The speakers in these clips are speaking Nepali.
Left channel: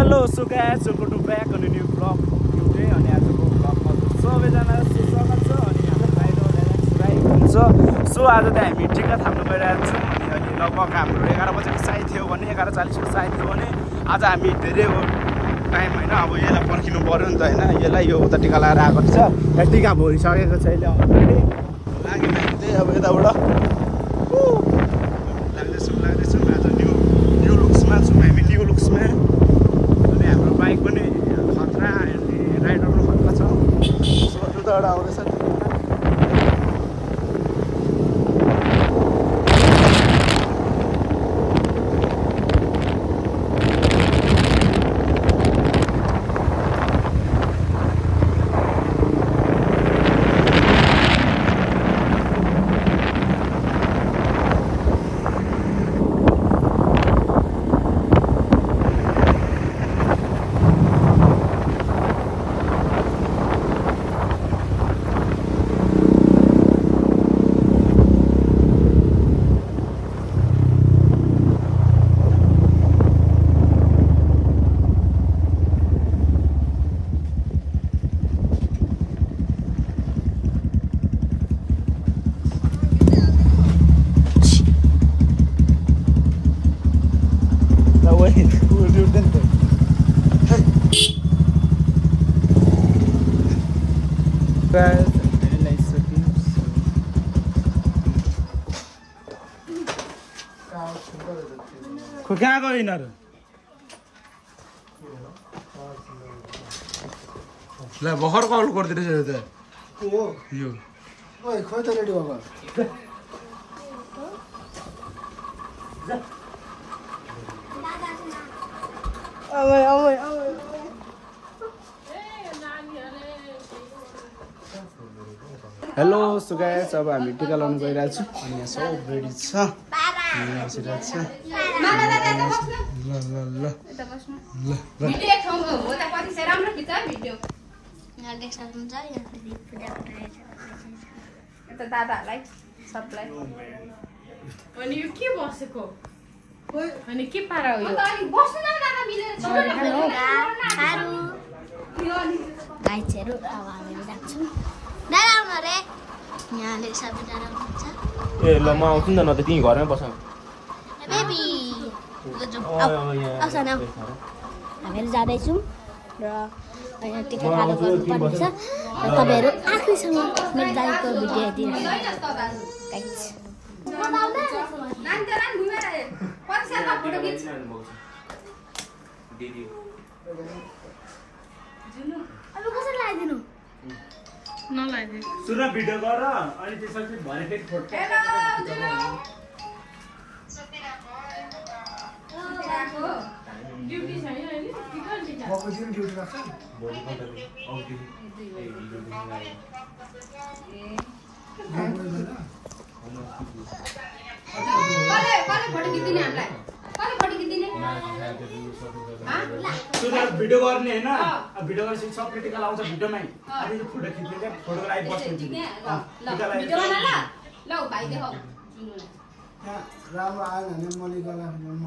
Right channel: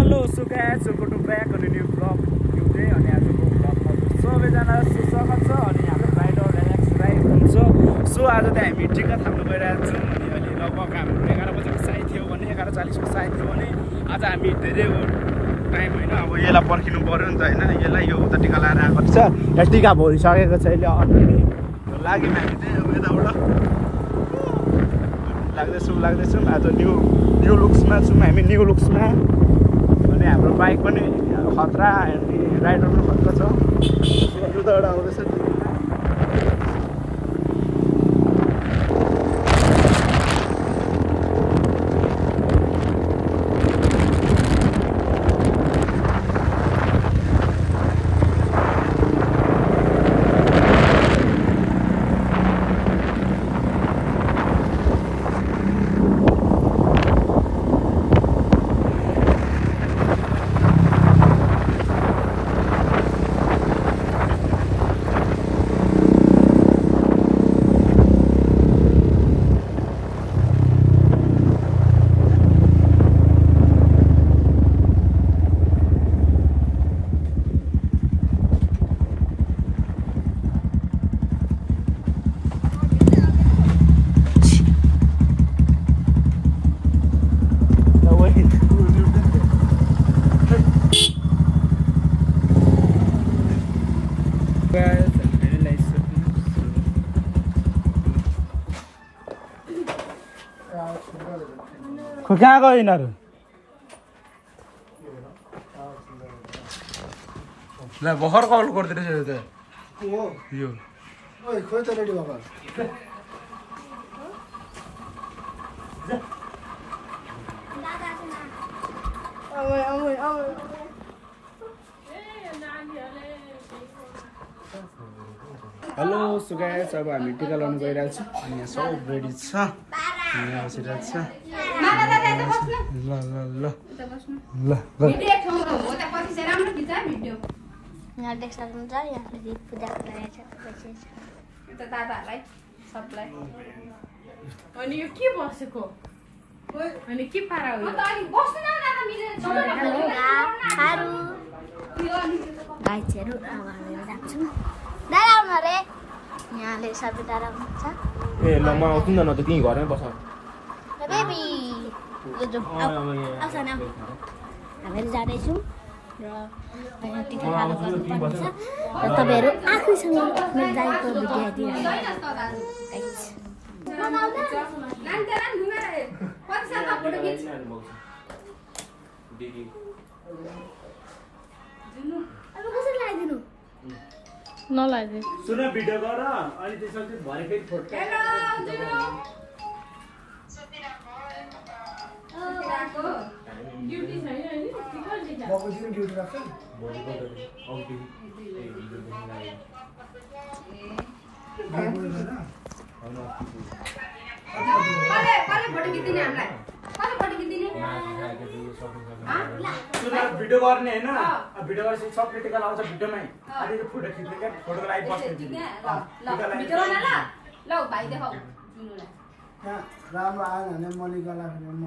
hello so guys welcome to back on new blog today अनि आजको ब्लगमा सबैजना स्वागत छ अनि हाम्रो राइडर राइड हुन्छ सो आज त हामी टिका थाप्न गइरहेको छौँ अनि लगभग हाम्रो 11 बजेको साइड थियो भने 11:40 को साइड थियो भने आज हामी धेरै टाइम होइन अब यसलाई पर्खिनु पर्यो नि त होइन यसलाई यो उता टिका लगाएर आएको छ यो टिका भइसकेको छ अहिले अलरेडी लाग्यो हामी चाहिँ अब यताबाट लाग्दैछौँ आज न्यू लुक्समा छौँ हामी न्यू लुक्समा अनि हाम्रो बाइक पनि खतरा अनि राइडर पनि खतरा छ सो उताबाट आउँदैछ कहाँ गयो यिनीहरू ल भर्खर कल गरिदिएछ यो त यो खोइ त रेडी भयो हेलो सो गाइस अब हामी टिका लाउनु गइरहेको छौँ अनि यहाँ सब रेडी छ यहाँ बसिरहेको छ ल ल ल ल यहाँ देख सक्नुहुन्छ यहाँ पूजा दादाहरूलाई सबलाई अनि यो के बसेको अनि के पारा हो यो गाइजहरू अब हामी राख्छौँ दादा आउनु अरे यहाँले सबै दादा आउनुहुन्छ ए ल म आउँछु नि त न त तिमी घरमै बस बेबी हामीहरू जाँदैछौँ र यहाँ टिका खाना गर्नुपर्ने छ र तपाईँहरू आफैसँग मेरो दाइको भिडियो अब कसरी लगाइदिनु नलाइदिनु सुन भिडियो गर अनि त्यसपछि भने फेरि फोटो ड्युटी छैन नि ड्युटी राख्छ भिडियो गर्ने होइन भिडियो गरेपछि सब टिका लाउँछ भिडियोमै अनि यो फोटो खिच्ने क्या फोटोको लागि बस्छ राम्रो आयो भने मैले गर्दाखेरि म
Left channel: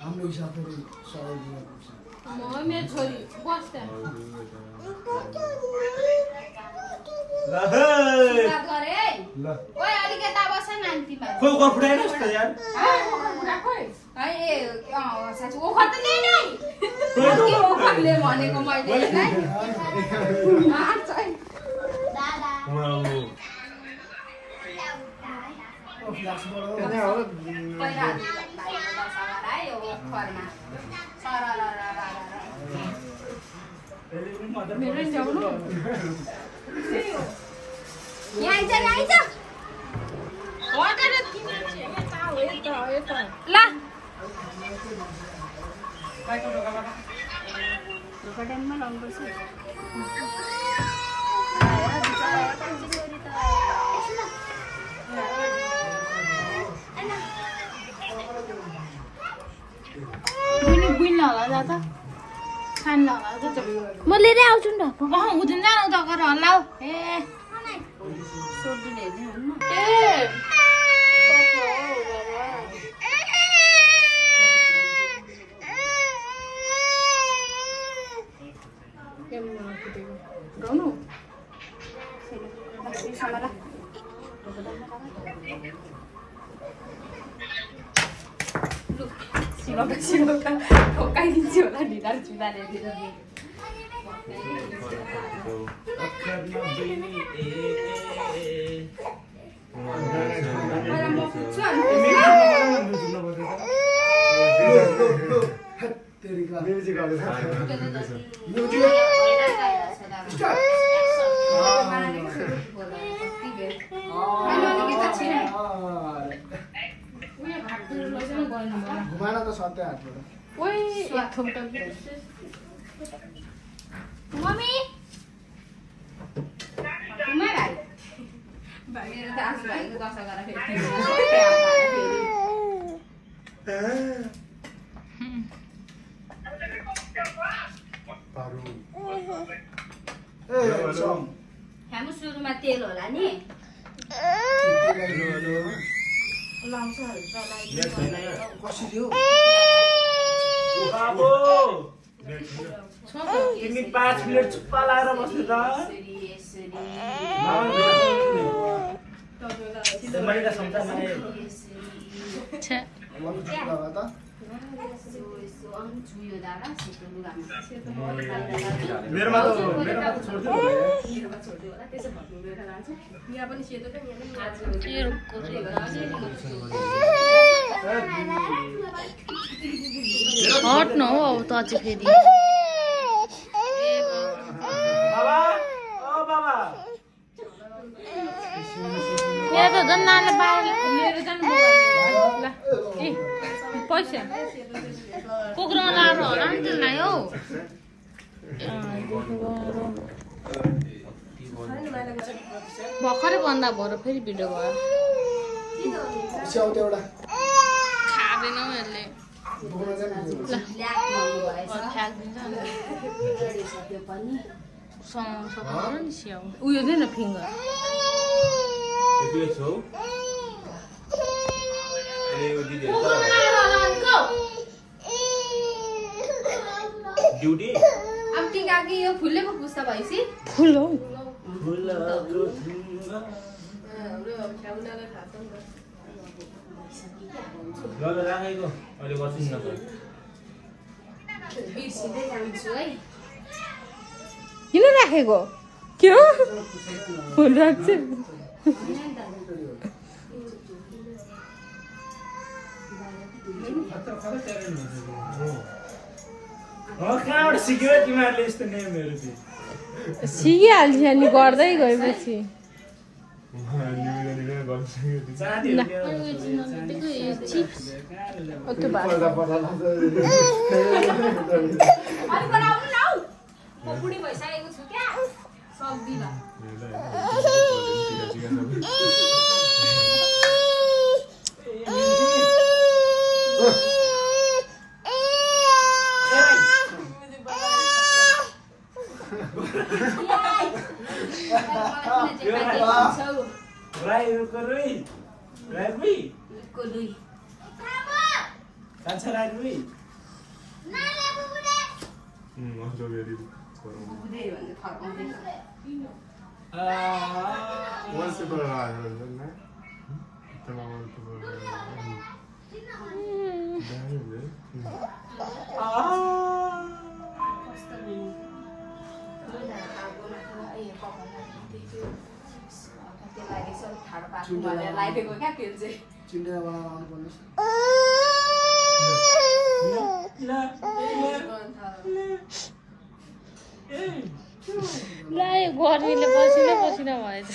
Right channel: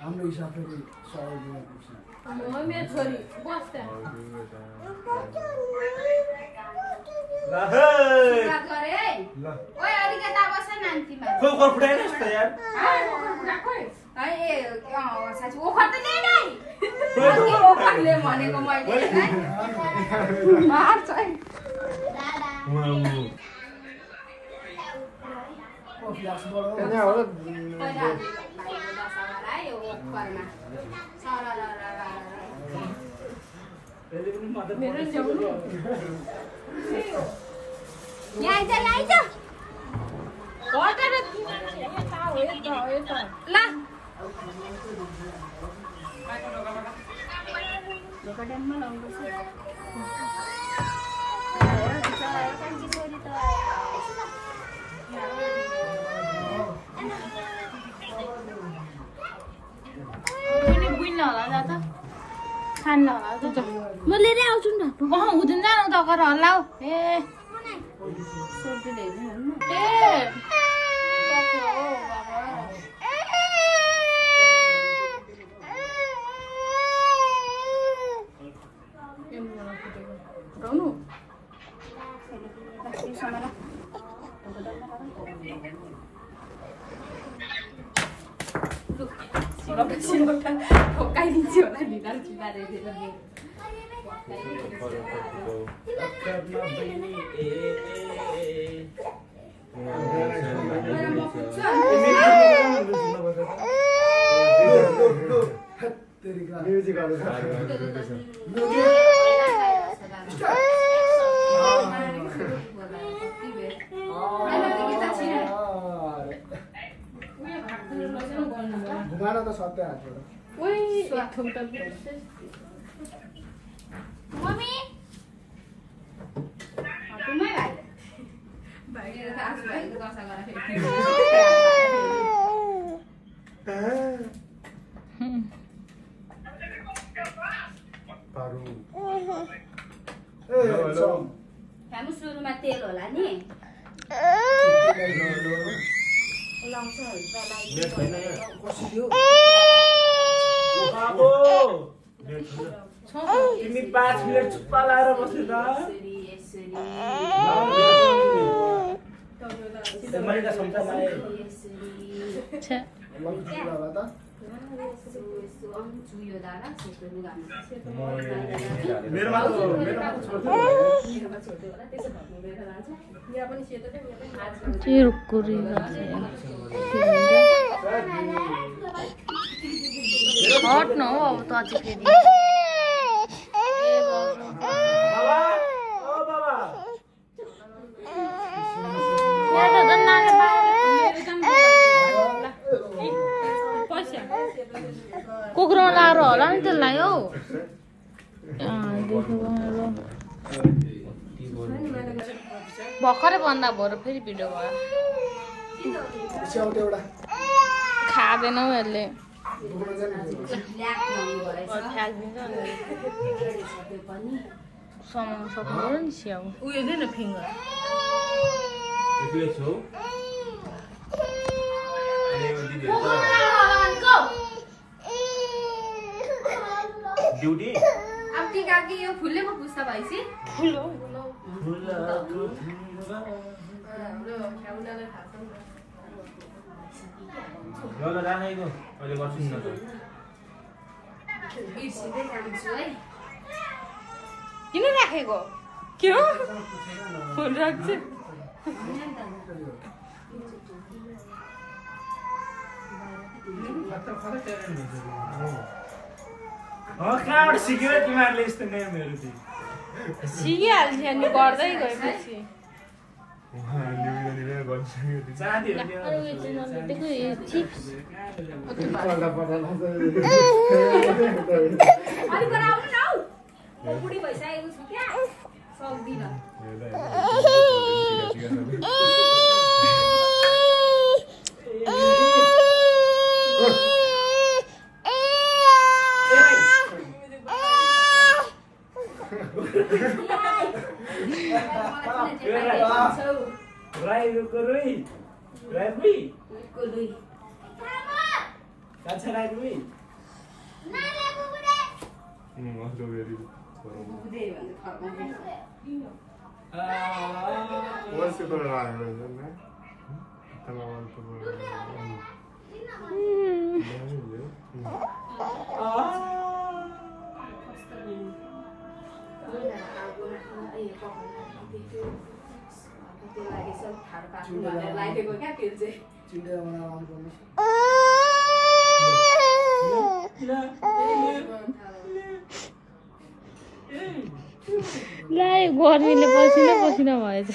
हाम्रो हिसाबले सहयोग दिनुपर्छ मेरो छोरी बस्दा म लिएरै आउँछु नि त हुँदैन जानु त गर हल्ला ए लगासिरका ठोकाइदिन्छु होला ढिलार चुदाले घुमान त सत्य हातबाट ओइ थुम्टा मम्मी घुमाइ भाइ मेरो त आज भाइको दशा गरेर हाम्रो सुरुमा तेल होला नि तिमी 5 मिनेट चुप्पा लाएर बस्नु हट न हो अब त अझै फेरि बाबा ओ बाबा मेरो त नानी बाउले मेरो त पैसा कुकुर लाएर होला नि त्यसलाई हौ भर्खरै भन्दा भएर फेरि भिडियो भयो खाँदैनौ यसले समाउनु सक्नु नि स्याउ उयो दिन फिङ्गर ड्युटी अब टिकाकी यो फुलेको पुस्ता भएपछि राखेको अहिले गर्छु नि किन राखेको के हो फुल राख्छ कहाँबाट सिक्यो तिमीहरूले यस्तो नेमहरू सिकिहाल्छ नि गर्दै गएपछि बुढी भइसकेको छु क्या सक्दिन गर्मीले पसिना पसिना भएछ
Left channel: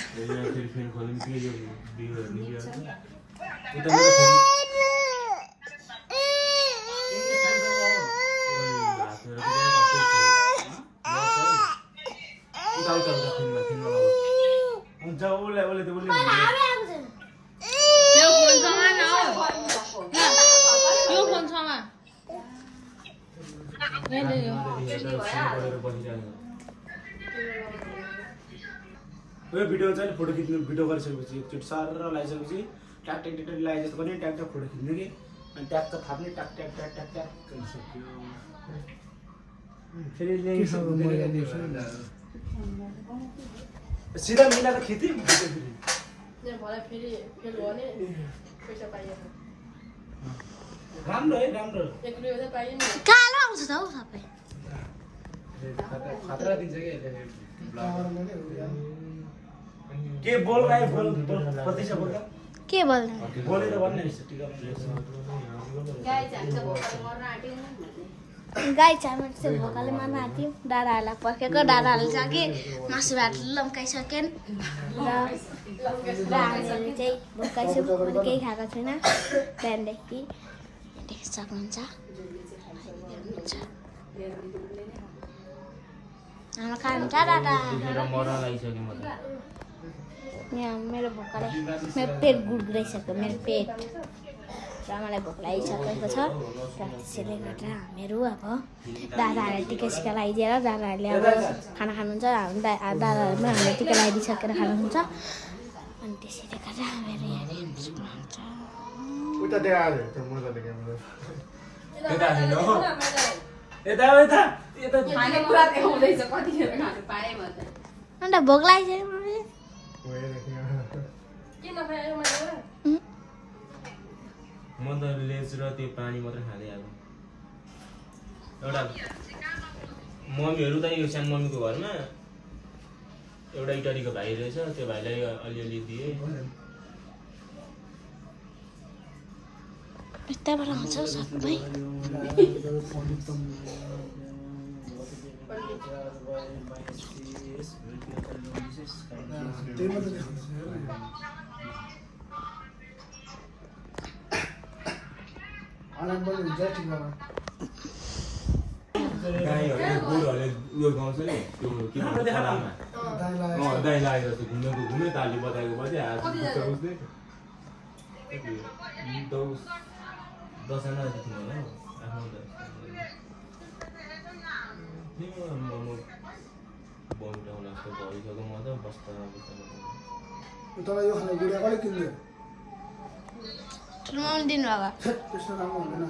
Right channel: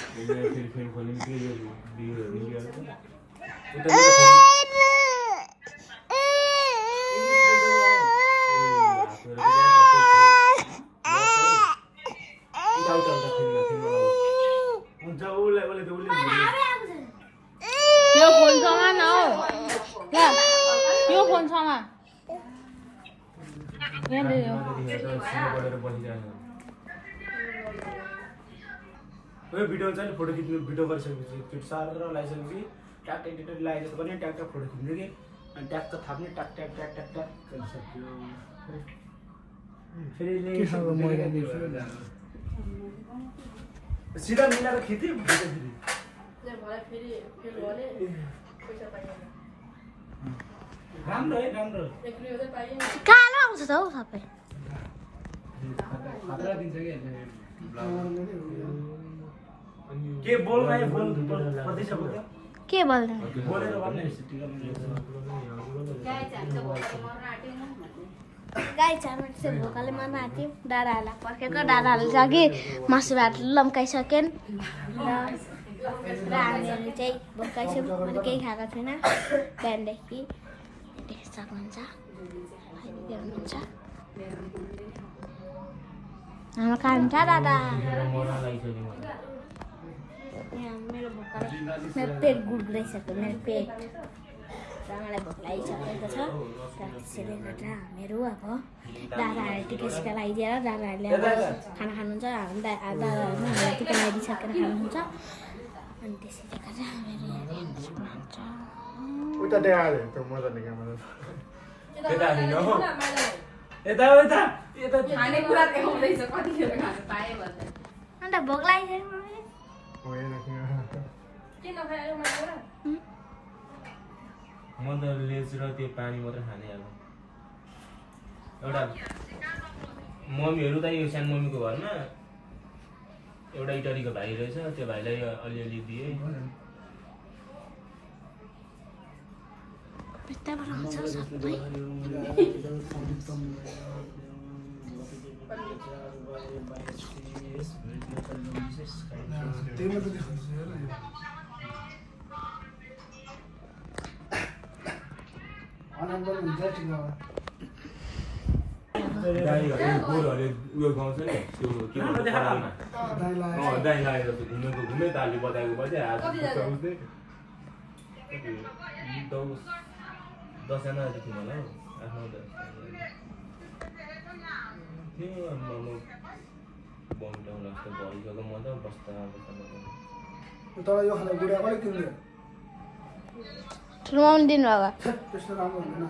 यो फोन छमा न हौ यो फोन छमा यो भिडियो चाहिँ फोटो खिच्नु भिडियो गरिसकेपछि एकचोटि सर लगाइसकेपछि ट्याक ट्याक ट्याक लगाए जस्तो पनि ट्याक ट्याक फोटो खिच्नु कि अनि ट्याक्क थाप्ने ट्याक ट्याक ट्याक ट्याक ट्याक गरिसक्यो फेरि सिधा मिलाएर खिच्यो फेरि राम्रो है राम्रो कालो आउँछ त हौ सबै खतरा दिन्छ के बोल भाइ बोल कति छ बोल के बोल्दै बोलेर भन्ने गाई चामल चाहिँ भोकाले मार्न आँट्यौँ डाँडाहरूलाई पर्खेको डाँडाहरूले चाहिँ अघि मासु भात लम्काइसकेन् र हामीहरू चाहिँ भोकाइछौँ मैले केही खाएको छुइनँ बिहानदेखि देख्न सक्नुहुन्छ हुनुहुन्छ हाम्रो कान्छा दादा यहाँ मेरो भोकाले मेरो पेट गुडगुडाइसक्यो मेरो पेट र मलाई भोक लागिसकेको छ र त्यसैले गर्दा हामीहरू अब दादाहरूलाई टिका सिका लगाइदिएर दादाहरूले अब खाना खानुहुन्छ हाम्रो दादाहरू पनि हामीलाई टिका लगाइदिइसकेर खानुहुन्छ अनि त्यसैले गर्दा हामीहरू यहाँ देख्न सक्नुहुन्छ अन्त भोक लागिसक्यो म त लेज र त्यो पानी मात्र खाने अब एउटा मम्मीहरू त यो सानो मम्मीको घरमा एउटा इटलीको भाइ रहेछ त्यो भाइलाई अलिअलि दिए यताबाट आउँछ सबै गाईहरू गोरुहरूले उयो गाउँछ नि त्यो के भन्छ परालमा दाइ लागेर त्यो घुमे ताली बजाएको बजे दसजना जति थियो होला हौ आफ्नो बन्टाउला जस्तो भइसक्यो म त बस्दा तर यो खाना गुडा कसले किन्यो ठुलोमाउनु दिनुभएको त्यस्तो राम्रो हुँदैन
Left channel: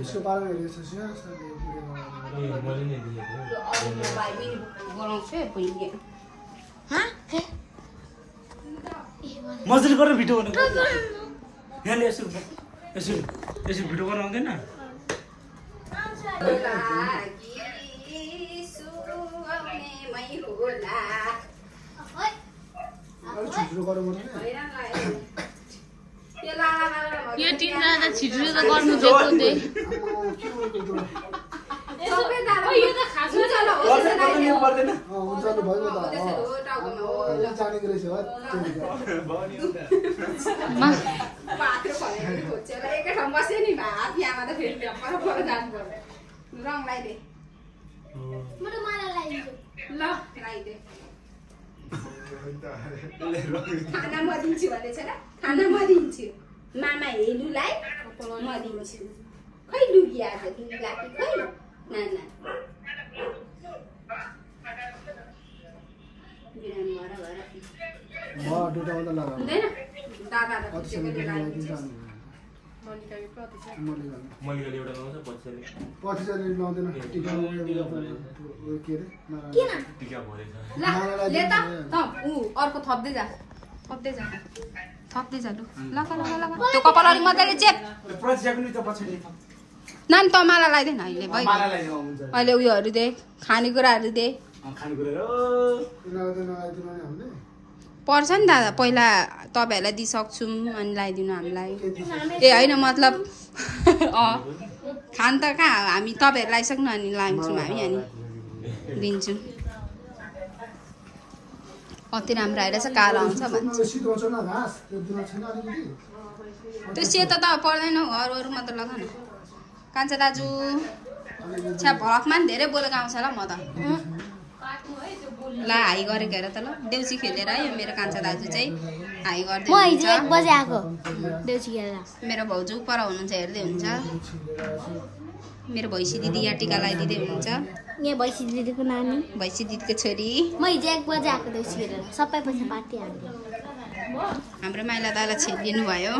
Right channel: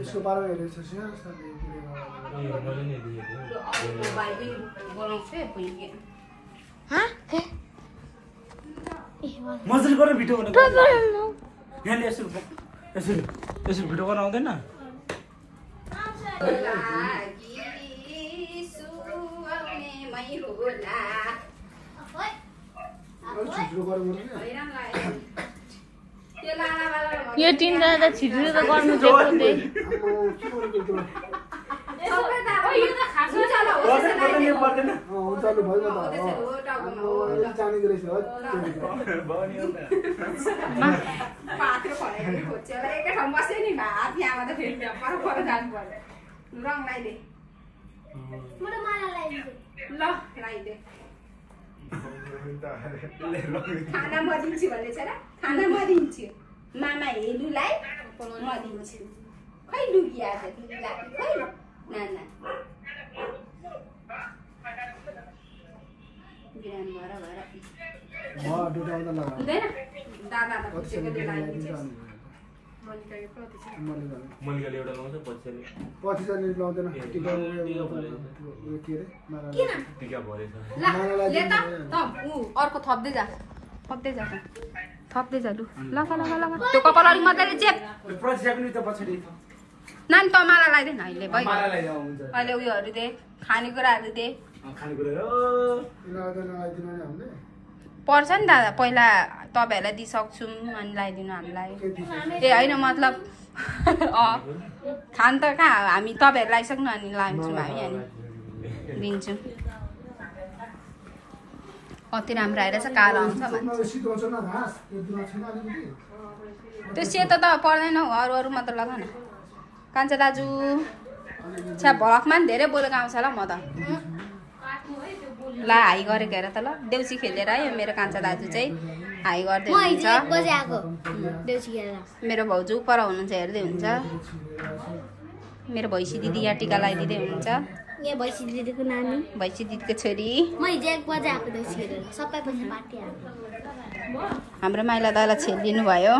यसको पारा हेरेको छ मैले नै देखेको मजदुरी गरेर भिडियो बनाएको यहाँले यसरी भिडियो गर्न आउँदैन यो तिनजना त छिटो त गर्नु दिएको त्यही खाना म दिन्छु भन्ने छ र खाना म दिन्छु मामा हेलुलाई म दिन्छु खै लुगी आएर लुगी लाग्यो खै नाना बिरामी भएर म दुटा आउँदा लगा हुँदैन दादालाई पुछेको बेला मलिकाले एउटा गाउँछ पछिसले लाउँदैन टिका टिका भरेछ अर्को थप्दै जा लु लगा त्यो कपाल अलिक मजाले चेप नान तमाला लगाइदिएन अहिले भयो अहिले उयोहरू दे खानेकुराहरू दे पर्छ नि दादा पहिला तपाईँहरूलाई दिइसक्छौँ अनि लगाइदिनु हामीलाई ए होइन मतलब खान त कहाँ हामी तपाईँहरू लगाइसक्नु अनि लान्छौँ हामी अनि दिन्छौँ कति राम्रो आइरहेछ कालो आउँछ भन्छ त्यो सेतो त पर्दैन हौ अरू मात्र लगा न कान्छा दाजु छ्या भलकमा पनि धेरै बोलेको आउँछ ल म त ल हाई गरेको हेर त ल देउसी खेलेर है मेरो कान्छा दाजु चाहिँ हाई गर्दै हुन्छ मेरो भाउजू पर हुनुहुन्छ हेर्दै हुन्छ मेरो भैँसी दिदी यहाँ टिका लगाइदिँदै हुनुहुन्छ यहाँ भैँसी दिदीको नानी भैँसी दिदीको छोरी म हिजो 1 बजे आएको देउसी खेलेर सबै पैसा बाटिहाल्यो हाम्रो माइला दाइलाई छेलिनु भयो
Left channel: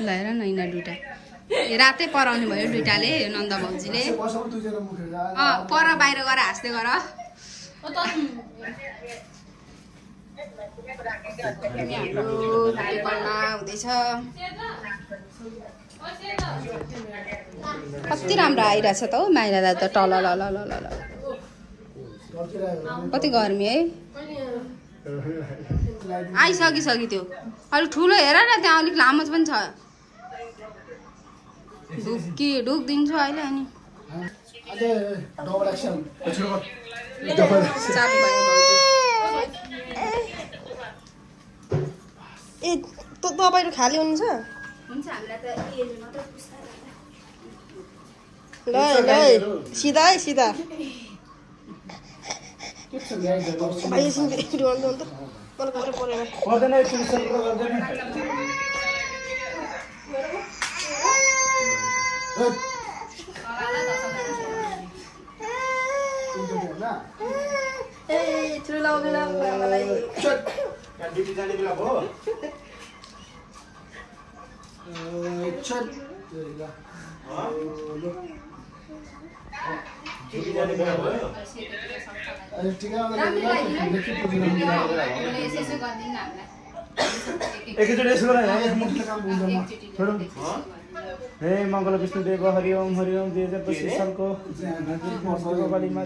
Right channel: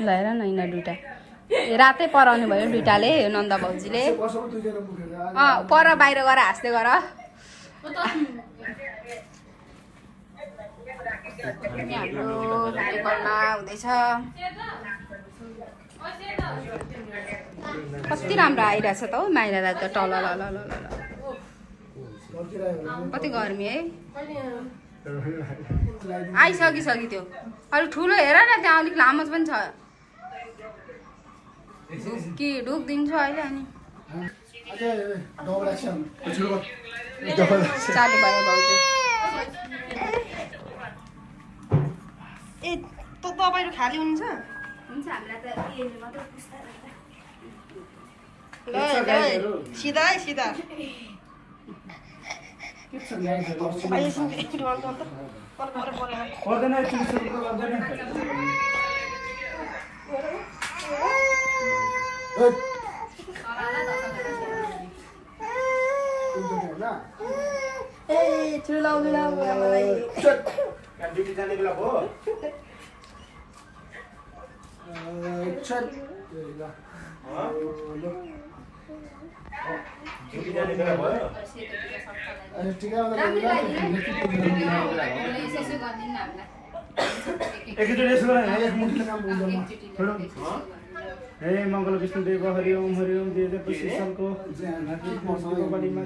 ल हेर न यिनीहरू दुइटा रातै पराउनु भयो दुइटाले नन्द भाउजूले पर बाहिर गएर हाँस्दै गर हाम्रो कार्यक्रम हुँदैछ कति राम्रो आइरहेछ त हौ माइला दादा त टल ल ल ल ल कति गर्मी है आइसकिसक्यो त्यो अलिक ठुलो हेर न त्यहाँ अलिक लामो पनि छ ढुक दिन्छु अहिले अनि चालु भयो भाउजू ए तपाईहरु खाली हुनुहुन्छ हुन्छ हामीलाई त एले मात्र पुस्ता ल ल सिधा सिधा भाइ एकछिन फेरि गर्नु त मलाई कसरी परेन पर्दैन एकछिन सर्को गर्दैन ए ठुलो बेला ड्युटी जाने बेला भयो ड्युटी जाने बेला भयो एकैचोटि यसो हे मङ्गल विष्णु देव हरि ओम 2025 सालको बलिमा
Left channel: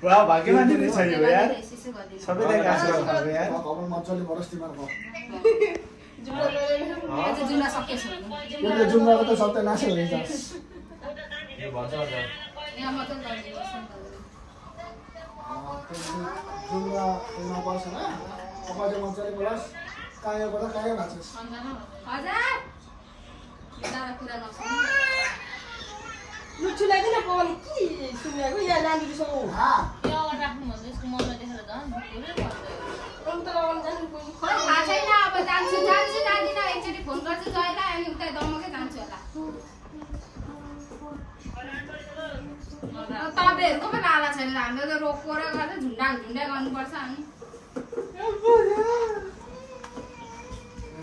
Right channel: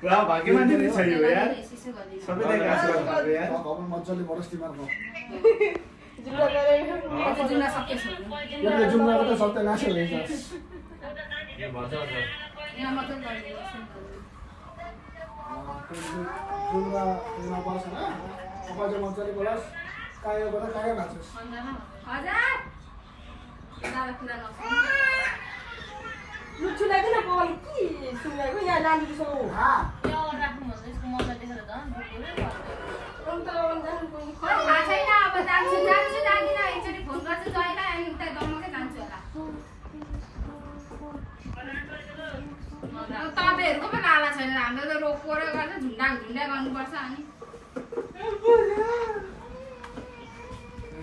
पुरा भाग्यमा दिने छ यो यार सबैले आशीर्वाद गर्नु यार मजाले बढोस् तिमीहरूको जुम्ला सकेछ यो जुम्लाको त सत्यानाशै हुँदैछ जुम्ला बस होइन अपाले मजाले बढोस् कायोबाट कायो भाँच्छ लुचुलाई दिन पवन के सुनेको यहाँ नानीसँग तपाईँहरूको पनि लाला छैन हाम्रो त रोको र गर्दा झुन्डा झुन्डा गर्नुपर्छ अनि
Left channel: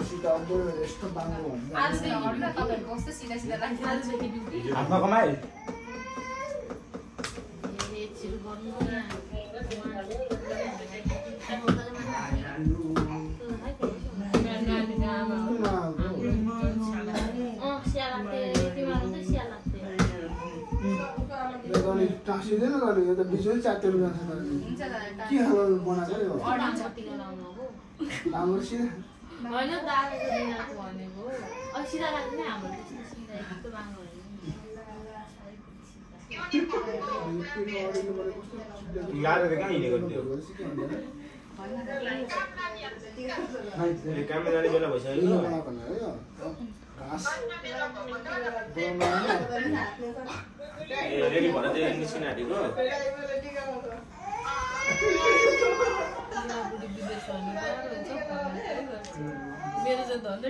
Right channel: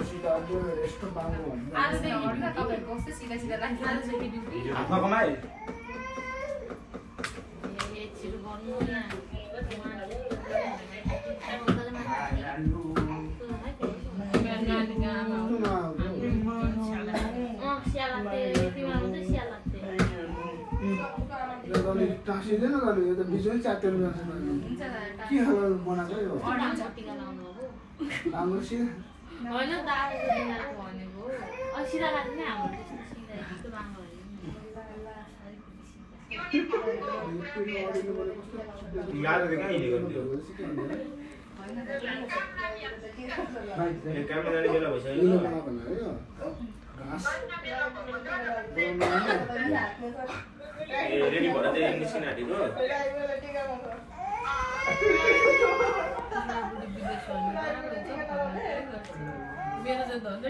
यस्तो बाङ्गो तपाईँहरूको कस्तो सिधा सिधा हातमा कमाइ टाँसिँदैन गर्नु यो त बिजोै च्यातेर जान्छ के खालको बनाएको यो राम्रो सिधा होइन दादाको दिनको भनेको सिधा लाग्छ नि हाम्रो त्यस्तो सिधा यस्तो बाङ्गो रेडी भएर चाहिँ निस्किन आँटेको मेरो चाहिँ धन्दा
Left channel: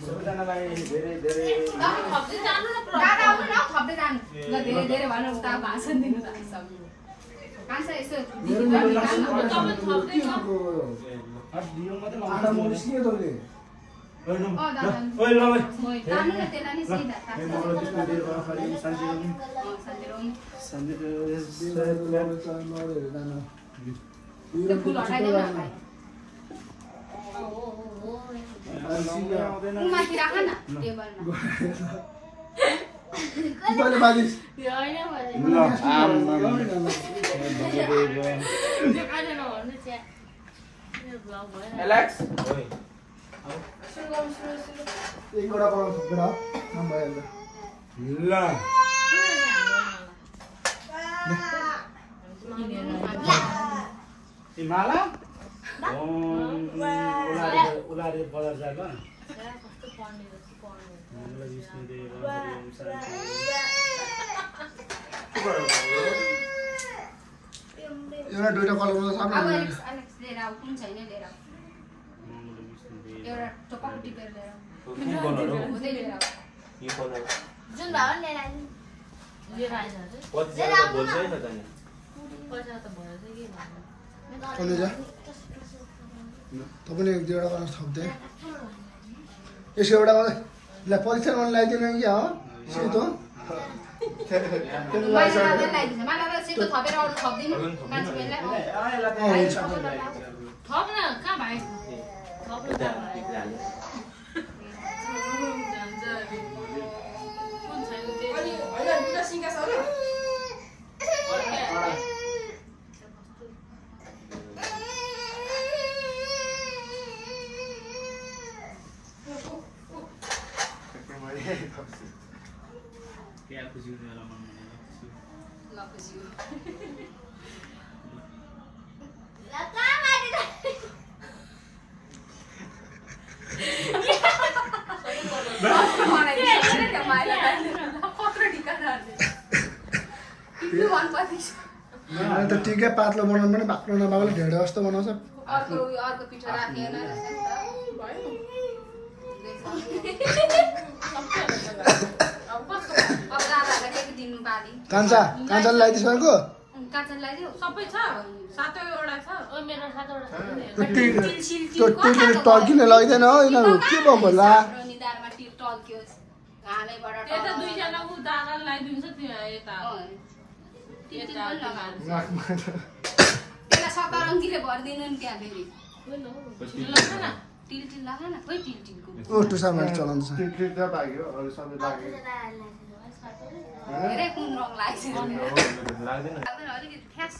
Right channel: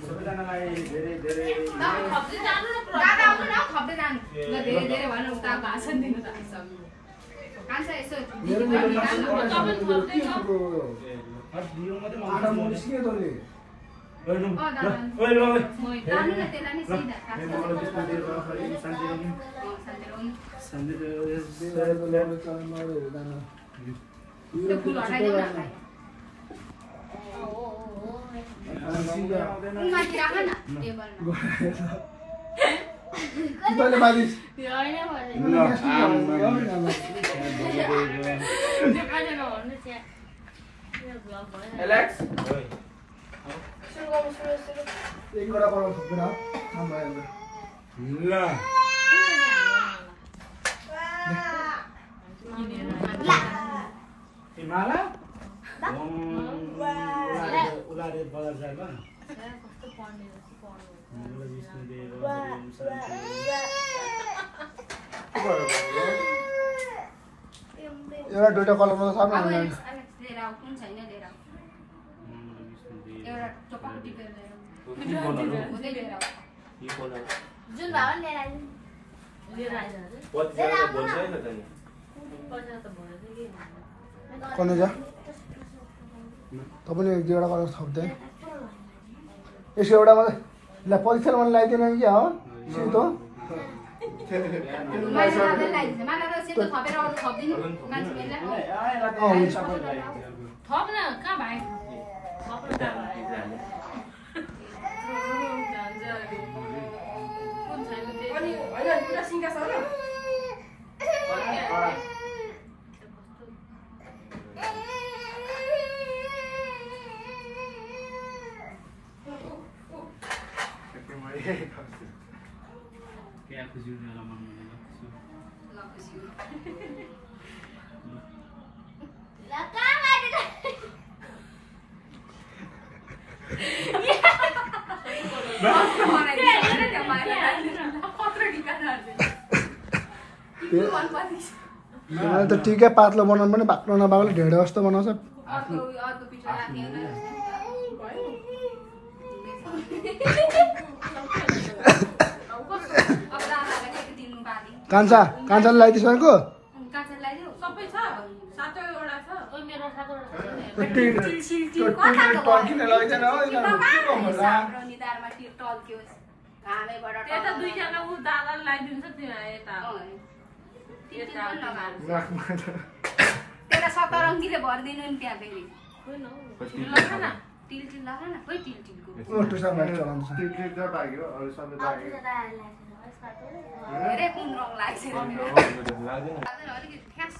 सबैजनालाई धेरै धेरै धेरै धेरै भनेर उता भाषण दिनु एलेक्स एकवटा बनाउनु सक्दैन नभए ल माला उलारे बजार जाग एउटा दुईटा कलरमा त सक्नु कुन छैन लिएर एउटा टपक टिपेर लिएर जुन भयो लिएर लिएर आइज अरे पतिसँग बोल्छ है त नि पैसा त भयो के कन्नु जा तपाईले एक दुईवटा गरेर थप्दै यसो एउटा मलाई ल परीक्षा गर्न लगाइदिनु क्या हो सेतो थप न कहाँ भाइ थप न कुन छैन त्यही क्या खुसी हुने होला मनमा त ठिकै पातलो बनाउनु पनि बाक्लो नबाक्लो ढेँडो जस्तो बनाउँछ कान्छा कान्छाले लगाइदिस् भनेको सबै छ सातवटा छ ओ मेरो सातवटा टल्किने लगाइदिएन हो यिनीहरू के भयो होला यता दुईजना ऊ दादाले लगाइदिन्छ त्यो यता त्यसलाई सतरङ्गीले भरिदिनु नि त्यहाँ फेरि टिल टिल लगा न खोइ टिल टिलको टुसामा चलाउँछ धेरै कुन रङ लाग्छ लाग्दैन अलिकति ठ्यास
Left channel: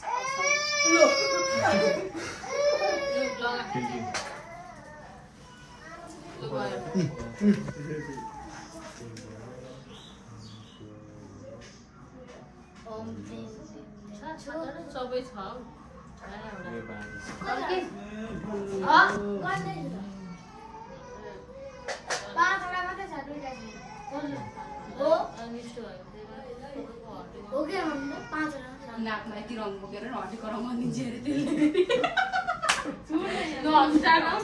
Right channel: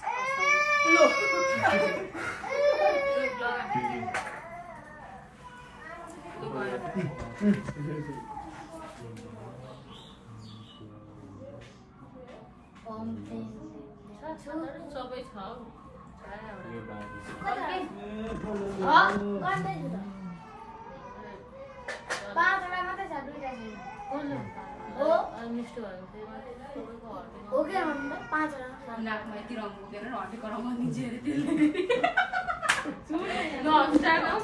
सबै छ नाकमा यति रङ बोकेर हटेको रङ दिन्छ अरे त्यसले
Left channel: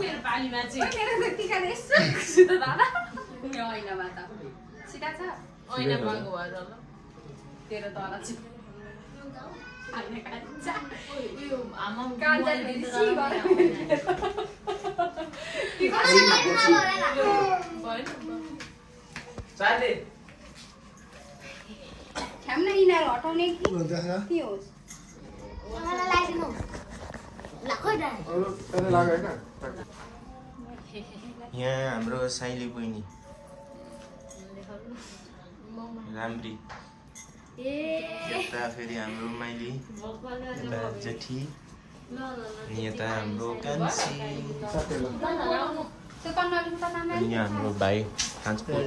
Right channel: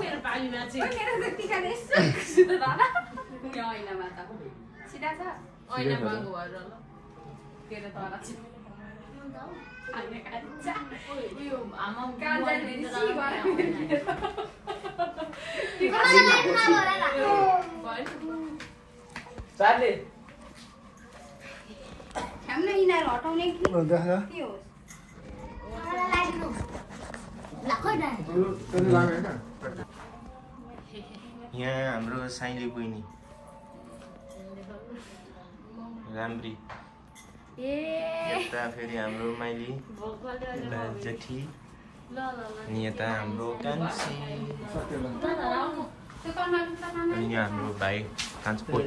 मेरो पालीमा चाहिँ मेरो त्यतिखेर यसो सिधा दादा ऐनामा त सिधा छ ऐना बन्द भयो ल तेरो तल चाहिँ ख्याम्न यिनीहरू हटाउने कि के होस् यहाँ हाम्रो साइली बहिनी राम्री यता फेरि हाम्रो माइली यता जेठी अनि यता हाम्रो कान्छी अनि यहाँ हाम्रो भाइ ट्रान्सपोर्ट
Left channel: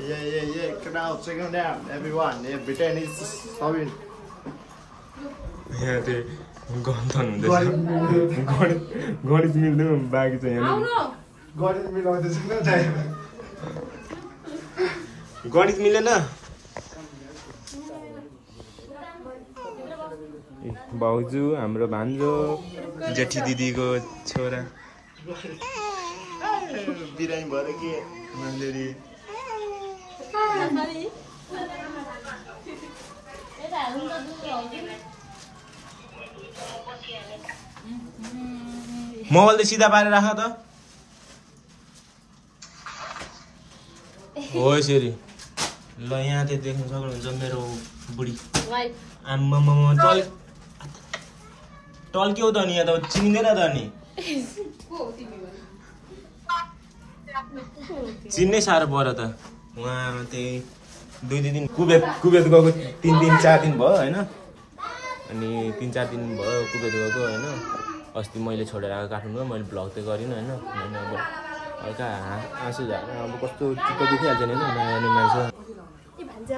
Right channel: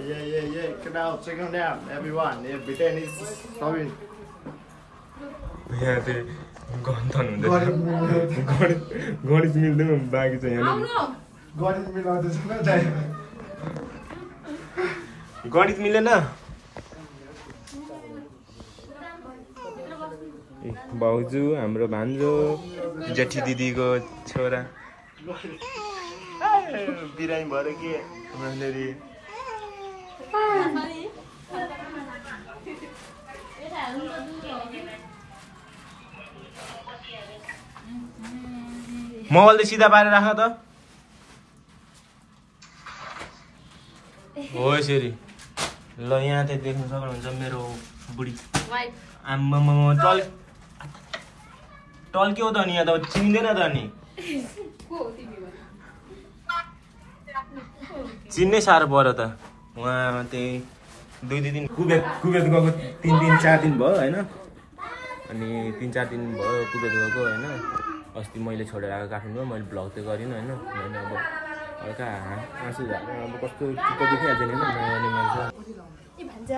यहाँ चाहिँ गन्थन हुँदैछ गणित मिल्दैन बाँकी छ यहाँ गणित मिलेन भाउजू हाम्रो भान्जो जेठी दिदीको छोरा बिरामी भएर के उनीहरूले मोबाइल त सिधा पारेर राख त हो यसरी ल यहाँ चाहिँ देख्नु सक्नुहुन्छ मेरो बुढी आम्मामा टल्क्यौ त नि यहाँ त चिन्दैन त नि चिन्नै साह्रो पर्यो त उहाँ त्यही 2 दिन कुवेत गएको 3 दिन 4 दिन भयो होइन अनि 3-4 दिन भयो कुवेत गएको होइन अस्ति मैले छोडेर आएको काठमाडौँमा मैले भ्लग त गरिनँ होइन मैले अब हल्का आँसु झारेर अब कस्तो चित्त दुखिहाल्छ नि होइन नयाँ नयाँ मान्छे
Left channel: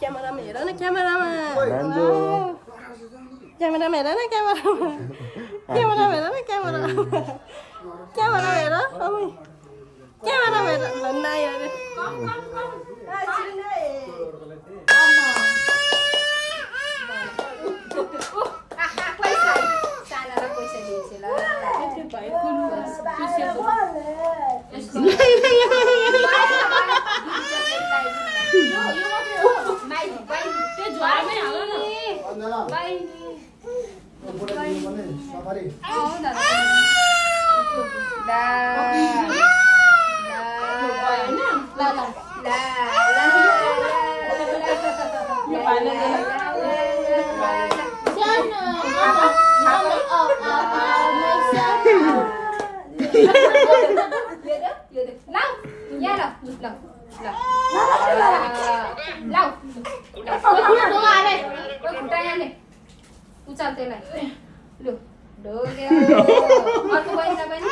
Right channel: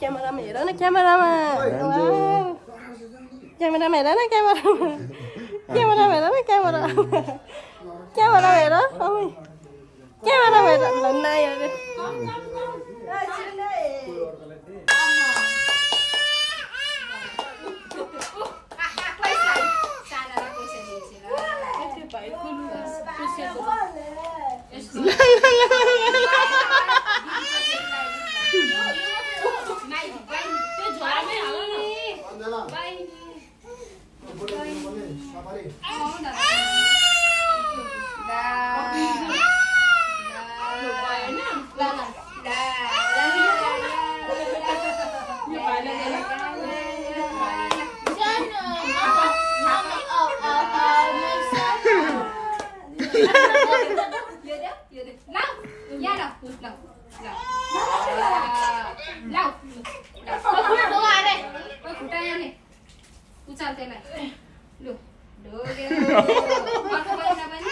क्यामेरामा हेर न क्यामेरामा हेर न क्यामेरामा हेर न क्यामेरा हेर भन्दा अरे त्यो झ्वारमै बाई सफारी उचाल त्यसलाई लु ढोगेर अर्को पैसा पनि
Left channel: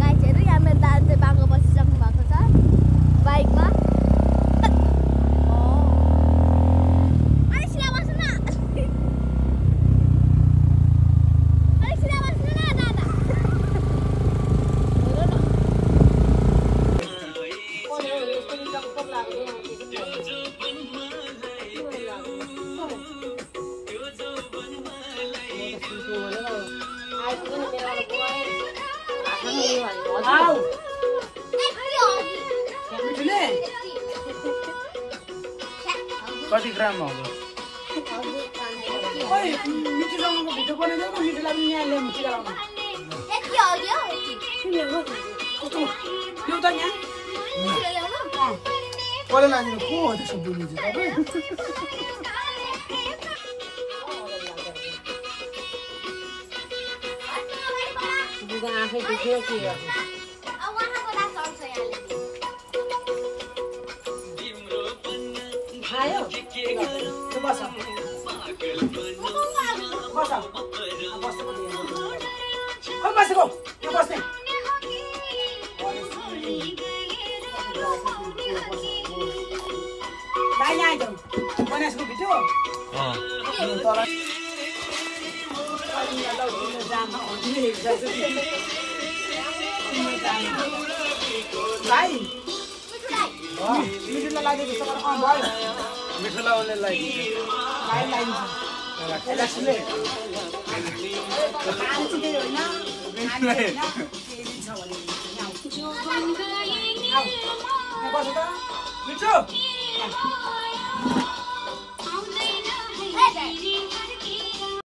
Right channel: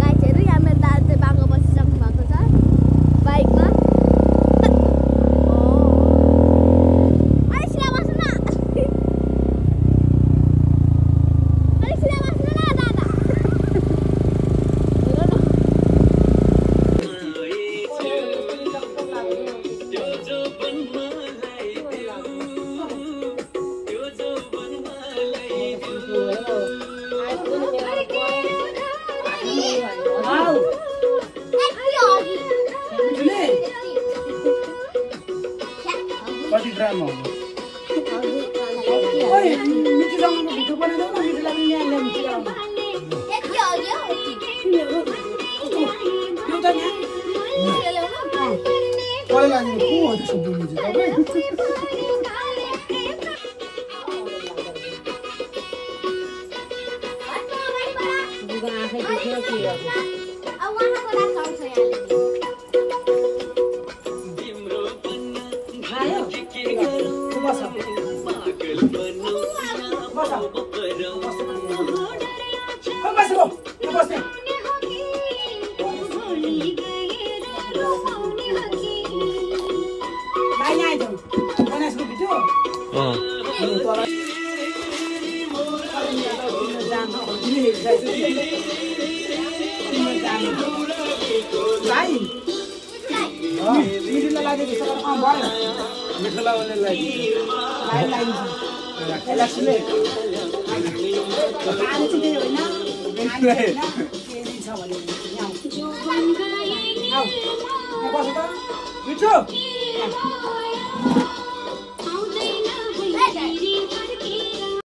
गाइजहरू यहाँ मेरो दाजु चाहिँ बाङ्गो बसिसक्नु भएको छ बाइकमा कति ग्राम हो कसले लाग्नु को हो त्यसो बोल्नु चाहिँ तपाईँ आँखै दुख्यो के खायो बस बसेको यो बस्ने भाइ यहाँ आइजाउँ गणेशको भिडियो भाइ मिठो लाग्यो भयो मिठो लगाउने लागि भाइ लगाइदिन्छ यसलाई सुने खाने चाहिँ त्यही होइन केही छ भने यहाँ बस त मिठो